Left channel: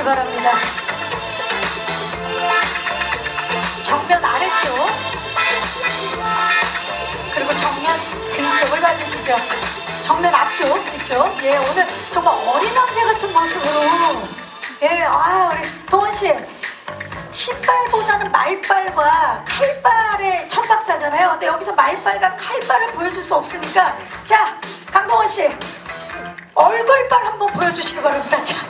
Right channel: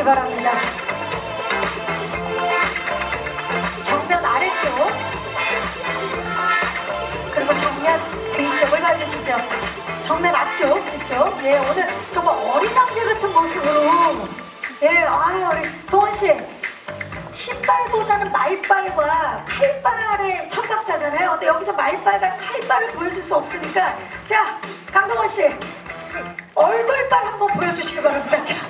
봐주시기 바랍니다. 정면 아래쪽 그리고 정면 뒤쪽을 봐주시죠. 정면 앞쪽 그렇죠? 예 오늘 정말 어린 왕자 같은 모습으로 예아 우리 도원 씨 신발보다는 말발과 칼발의 천박사잖아요. 근데 여기서 말발과 칼발을 보여줄 수 없으니까 자 강동원 씨 얼굴발 한번 보여주시기 바랍니다. 자, 자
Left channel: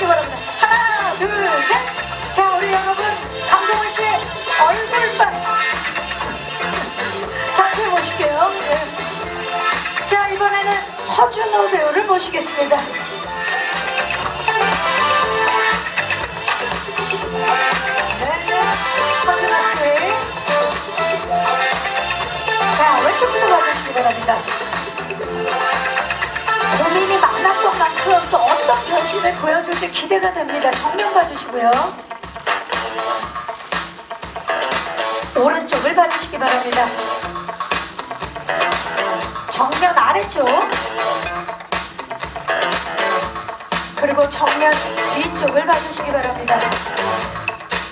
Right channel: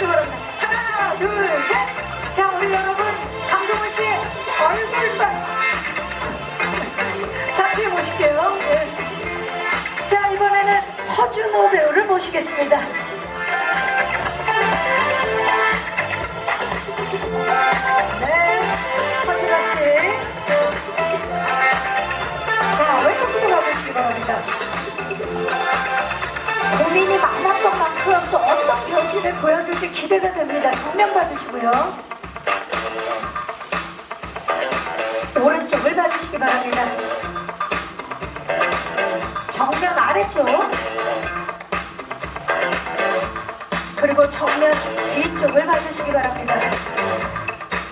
웃어주시기 바랍니다. 하나 둘 셋. 자 우리 여러분 강동원 씨 얼굴발 자퇴해 보실게요. 예. 자 이번에는 허준호 배우를 모시겠습니다. 변신을 보여줄지 기대가 됩니다. 정면 봐주시고요. 오른쪽을 봐주시기 바랍니다. 정면 아래쪽. 그리고 정면 뒤쪽을 봐주시기 바랍니다.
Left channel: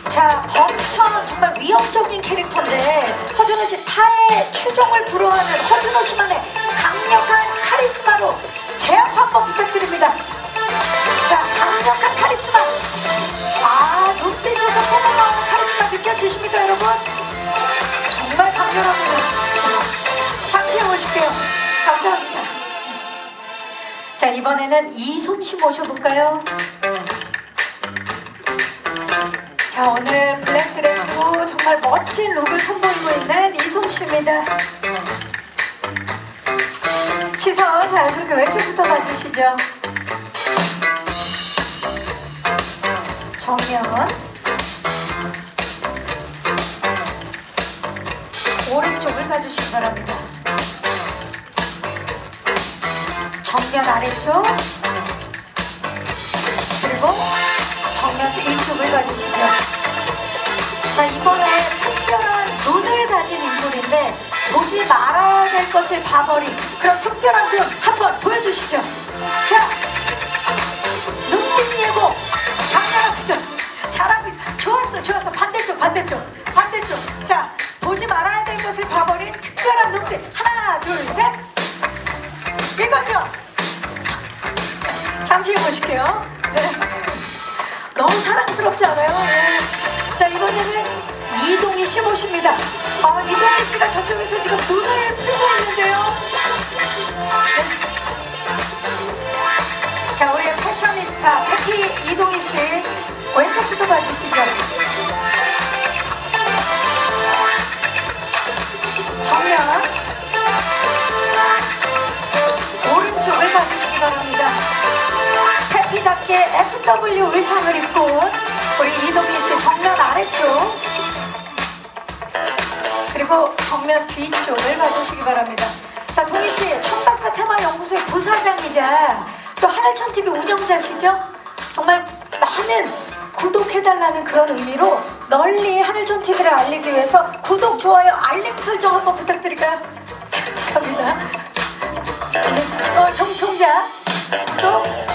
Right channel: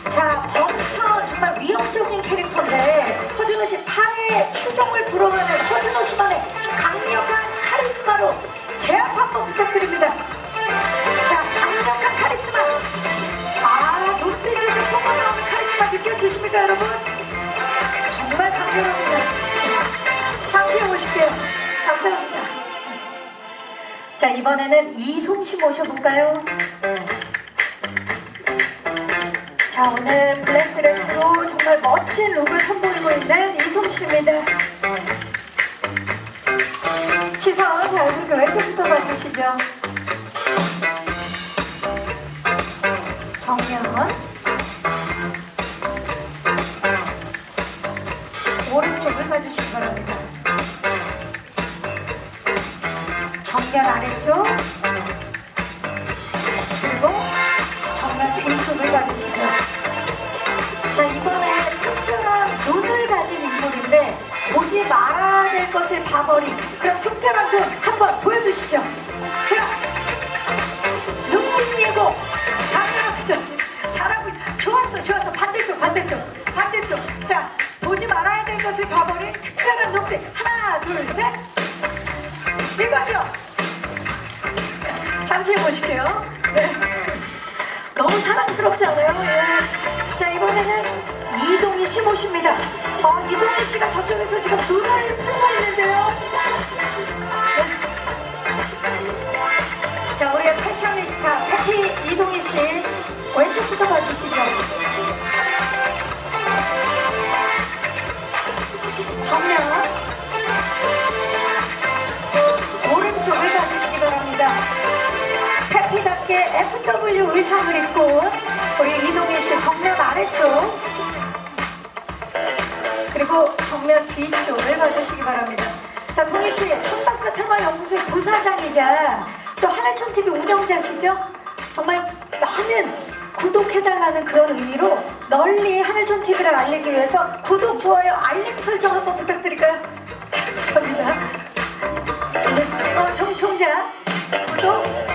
자, 범천 정말 위협적인 캐릭터인데 허준호 씨 타의 추종을 불어하는 허준 자, 이번에는 이솜 씨 모셔볼까요? 자 오늘 블랙드레스로 정말 멋진 룩을 선보이고 있는 이솜 씨입니다. 시선 자연스럽게 왼쪽부터 봐주시죠. 정면 정면 아래쪽 그리고 정면 뒤쪽을 봐주시죠. 자 이번에 특별한 눈을 가진 인물인데 보지 말아야 될 것을 봐버린 그런 특별한 눈 한번 보여주시죠. 자 눈빛 예고. 잘하고 있 좋았어 좋았어 반대쪽 반대쪽 반대쪽 자 보지 말아야 될 것을 봐버린 특별한 눈빛 하나 둘셋 이거죠. 잠시 보실게요. 네. 너무 사랑스럽지 않아요? 예. 자 이번에는 이동희 씨 모십니다. 아 이동희 씨가 저쪽에서 지금 눈 FW 의상을 입고 온 우리 이동희 씨 정면 아래쪽 그리고 정면 뒤쪽을 봐주시기 바랍니다. 자, 동희 씨, 천박사 테마연구소의 부사장이자 또 하늘천 TV 운영자시죠? 정말 많은 구독해달라는 그런 의미로 널리 하늘천 TV를 알리기 위해서 구독, 좋아요, 알림 설정 한번 부탁드릴까요? 갑니다. 네, 어, 정총자 구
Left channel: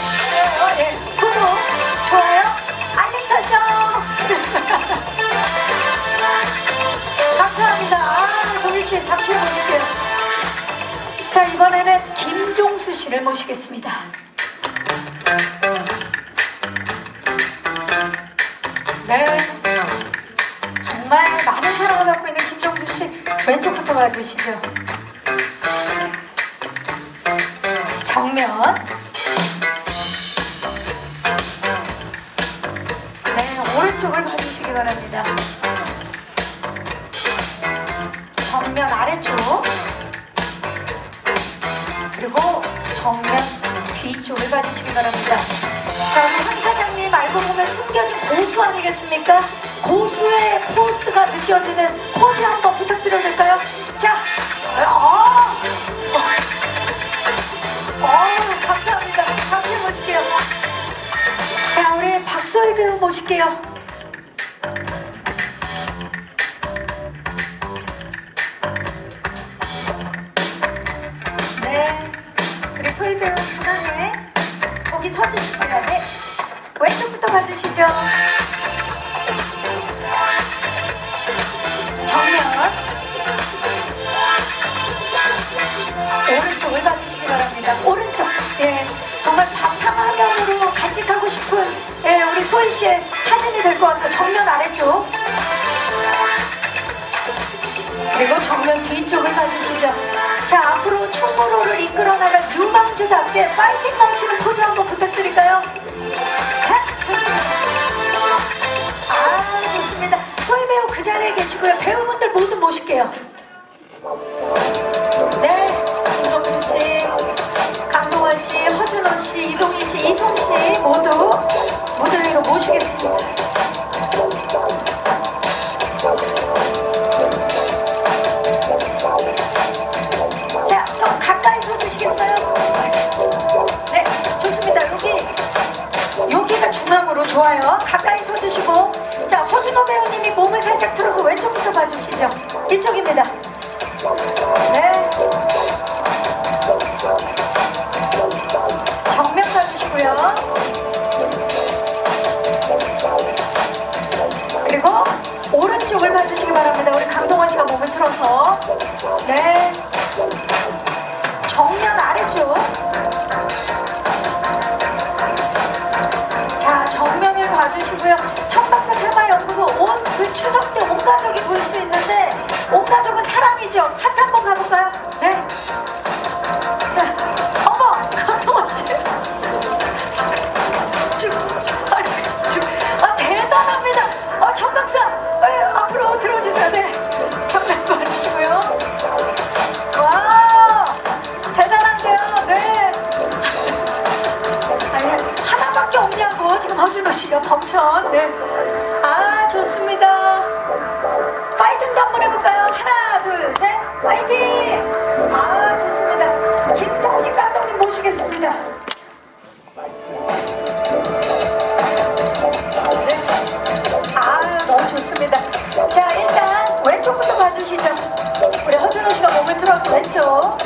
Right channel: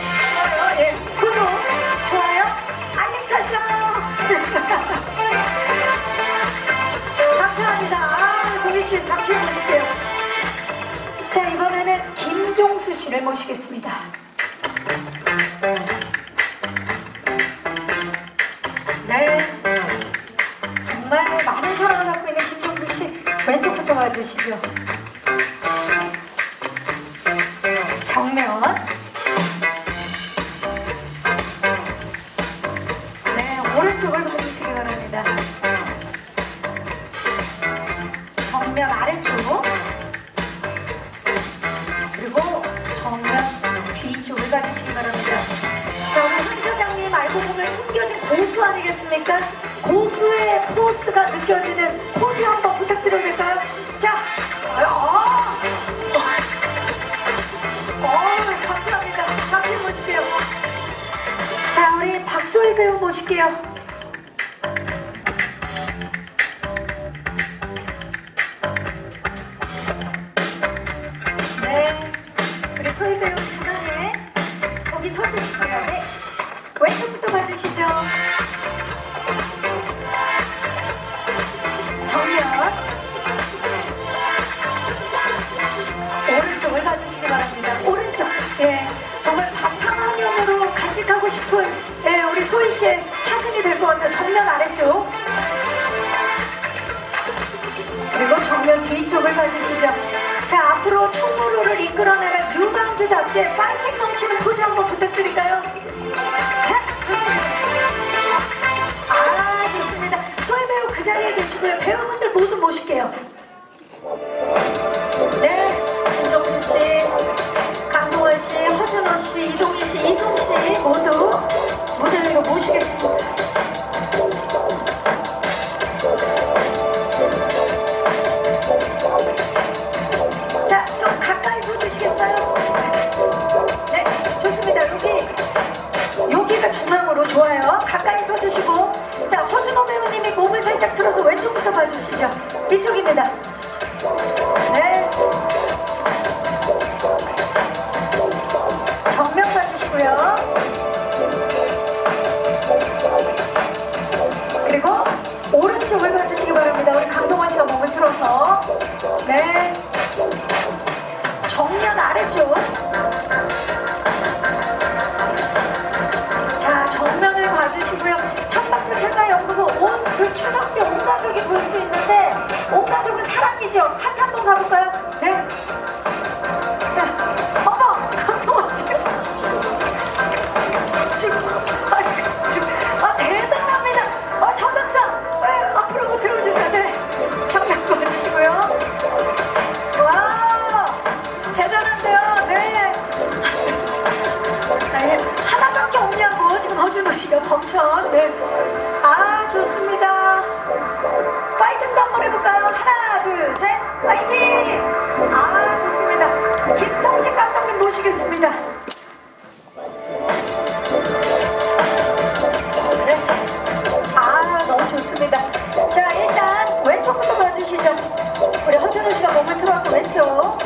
씨를 모시겠습니다. 네, 정말 많은 사랑을 받고 있는 김종수 씨 왼쪽부터 봐주시죠. 정면. 네, 오른쪽을 봐주시기 바랍니다. 정면 아래쪽. 그리고 정면 뒤쪽을 봐주시기 바랍니다. 자, 우리 황 사장님 알고 보면 숨겨진 고수 아니겠습니까? 고수의 포스가 느껴지는 포즈 한번 부탁드려도 될까요? 자, 어, 어, 감사합니다. 박수 모실게요. 자, 우리 박소희 배우 모실게요. 서주시고요. 네. 왼쪽부터 봐주시죠. 정면. 오른쪽을 봐주시기 바랍니다. 오른쪽. 예. 정말 바탕화면으로 간직하고 싶은 예, 우리 소희 씨의 사진이 될 것 같아요. 정면 아래쪽. 그리고 정면 뒤쪽을 봐주시죠. 자, 앞으로 충무로를 이끌어 나갈 유망주답게 파이팅 넘치는 포즈 한번 부탁드릴까요? 네. 아, 좋습니다. 소희 배우 그 자리에 계시고요. 배우분들 모두 모실게요. 네, 김정수 씨, 강동원 씨, 허준호 씨, 이동희 씨, 이솜 씨 모두 무대 위로 모시겠습니다. 봐주시죠. 이쪽입니다. 모시겠습니다. 네 아 너무 좋습니다. 자 일단 왼쪽부터 봐주시죠. 우리 허준호 씨가 몸을 틀어서 왼쪽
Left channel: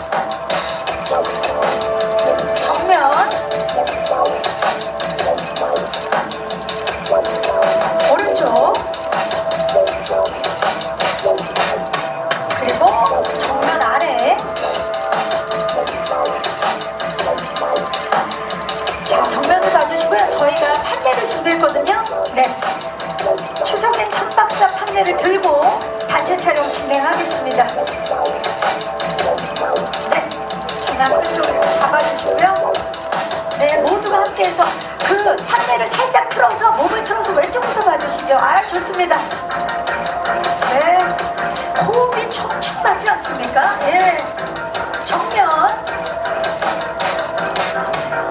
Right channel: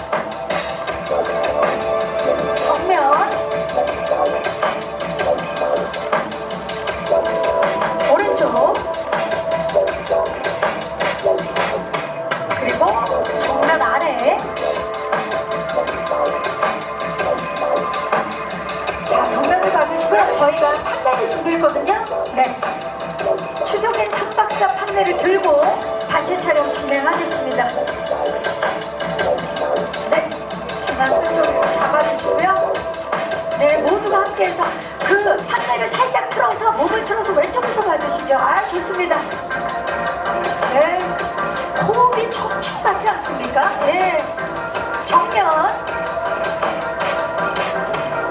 촬영 진행하겠습니다 네, 중앙 끝쪽으로 잡아주시고요. 네, 모두가 함께해서 그 판넬을 살짝 틀어서 몸을 틀어서 왼쪽부터 봐주시죠. 아, 좋습니다. 네, 호흡이 촉촉 맞지 않습니까? 예, 정면.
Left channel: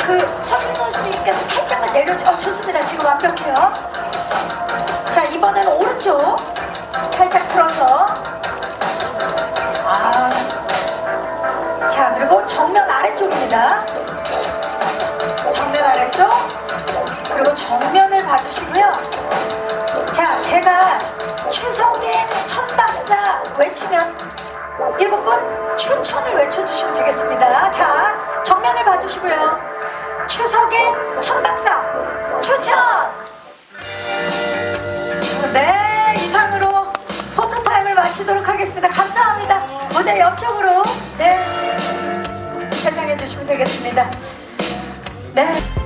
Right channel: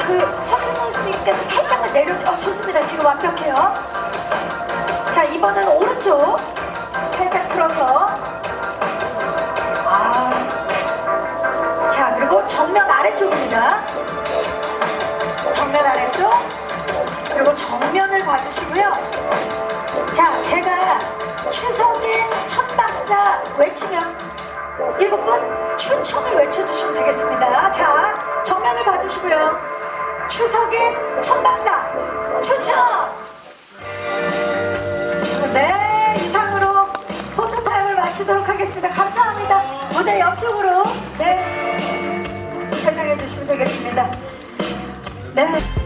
그 허준호 씨께서 살짝만 내려주. 어, 좋습니다. 지금 완벽해요. 자, 이번에는 오른쪽 틀어서. 아. 자, 그리고 정면 아래쪽입니다. 정면 아래쪽. 그리고 정면을 봐주시고요. 자, 제가 추석엔 천박사 외치면 일곱 분 추천을 외쳐주시면 되겠습니다. 자, 정면을 봐주시고요. 추석엔 천박사 추천! 네, 무대 옆쪽으로 네, 세장해 주시면 되겠습니다. 네.